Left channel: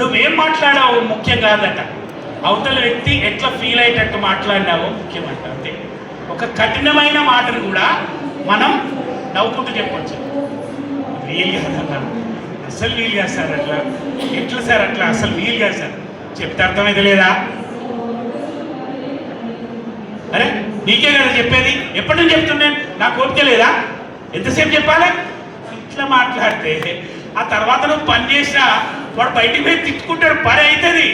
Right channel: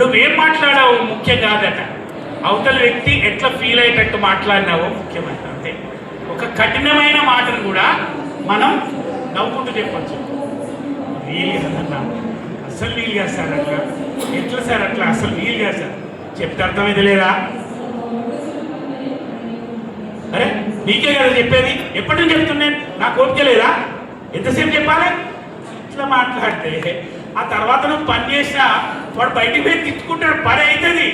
నువ్వేం మాట్లాడావు ముఖ్యం కాదట, అవతల వ్యక్తి ఎట్లా ఫీల్ అయ్యేటట్టు మాట్లాడినావో ముఖ్యమంట. అంతే. ఒక కఠినమైన మాటను కూడా మనం నవ్వుకుంటూ చెప్పచ్చు. వీలు కాదన్నా, అసలు వీలు కాదు సార్, అట్లా ఎట్లా సార్, అట్లా అసలు వీలు కాదు సార్ చెప్తే అర్థమైతే లేదా? అరే నీకే కదా చెప్పేది, ఎప్పటి నుంచి చెప్తున్నాను, నాకు ఓపిక లేదా? ఎంతసేపు చెప్పాలి? ఇట్లా మాట్లాడితే ఆ తర్వాత నువ్వు పని చేసినా వాడు బయటికి పోయి తిట్టుకుంటాడు, పని అవుతుంది.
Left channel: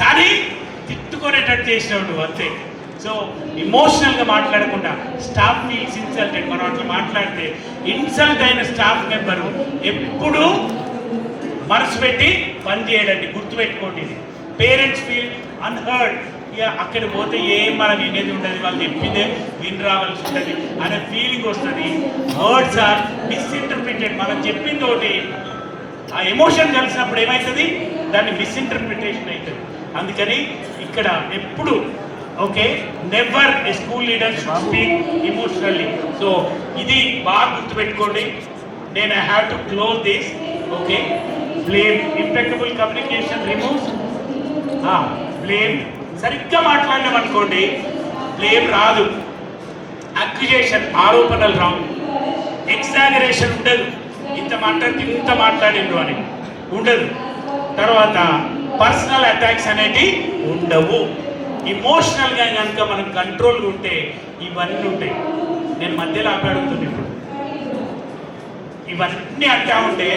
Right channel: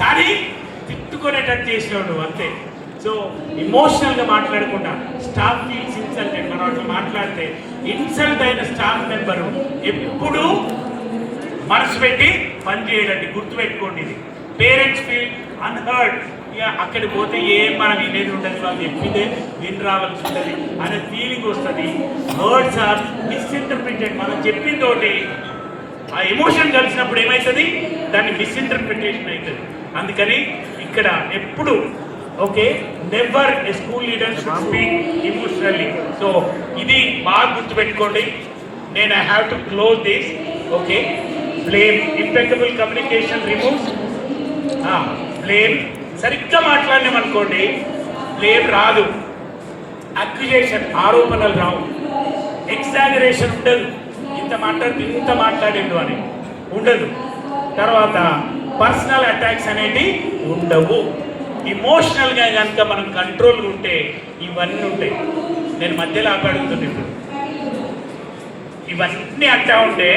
కానీ తిట్టుకునేటట్టు చేసినావు నువ్వు, అంతే. సో ఇమోషనల్గా మాట్లాడకుండా స్టాఫ్ ఫీల్స్ ఇన్సల్టెడ్. మనం అట్లా మాట్లాడితే ఇన్సల్ట్ అయిన స్టాఫ్ మెంబరు ఎప్పుడూ మనసు పెట్టి పని చేయడండి, గుర్తుపెట్టుకోండి. ఇది పేరెంట్స్ ఫీల్ అన్హర్డ్. ఇక అక్కడికి పోతే ఏం మనం వినేది ఉండదు, వాళ్ళు చెప్పిందే విని రావాల్సి ఉంటుంది అనే ఫీలింగ్ వస్తుంది. Words are misinterpreted. మనం చెప్పింది ఒకటి, ఆ ఎమోషన్ కలిసినప్పుడు ఏమవుతుంది, దాన్ని మిస్ఇంటర్ప్రిటేషన్ అవుతుంది. అందుకని ఇక్కడ ఎప్పుడు okay, never A school leader should speak emotionally. So ఇది బాగా గుర్తుపెట్టుకోండి. నేను I have to close this. Okay, blame, impeccable communication removes blame. సరిగ్గా మాట్లాడినామనుకోండి బ్లేమ్ రాదు, అక్యుజేషన్, ఆరోపణలు రావు, ఎక్సాగరేషన్ ఉండదు, ఇంత మాట్లాడిండు అని ఉండదు. తర్వాత పర్సనల్ అటాక్స్ అనేవి ఉండవు. ఇమోషనల్గా కనుక మనం కంట్రోల్గా ఉంటే ఇవన్నీ ఉంటాయి. నేను మధ్యలో ఆపాడుతున్నాను ఇప్పుడు, ఇవన్నీ అంటా ఉంటే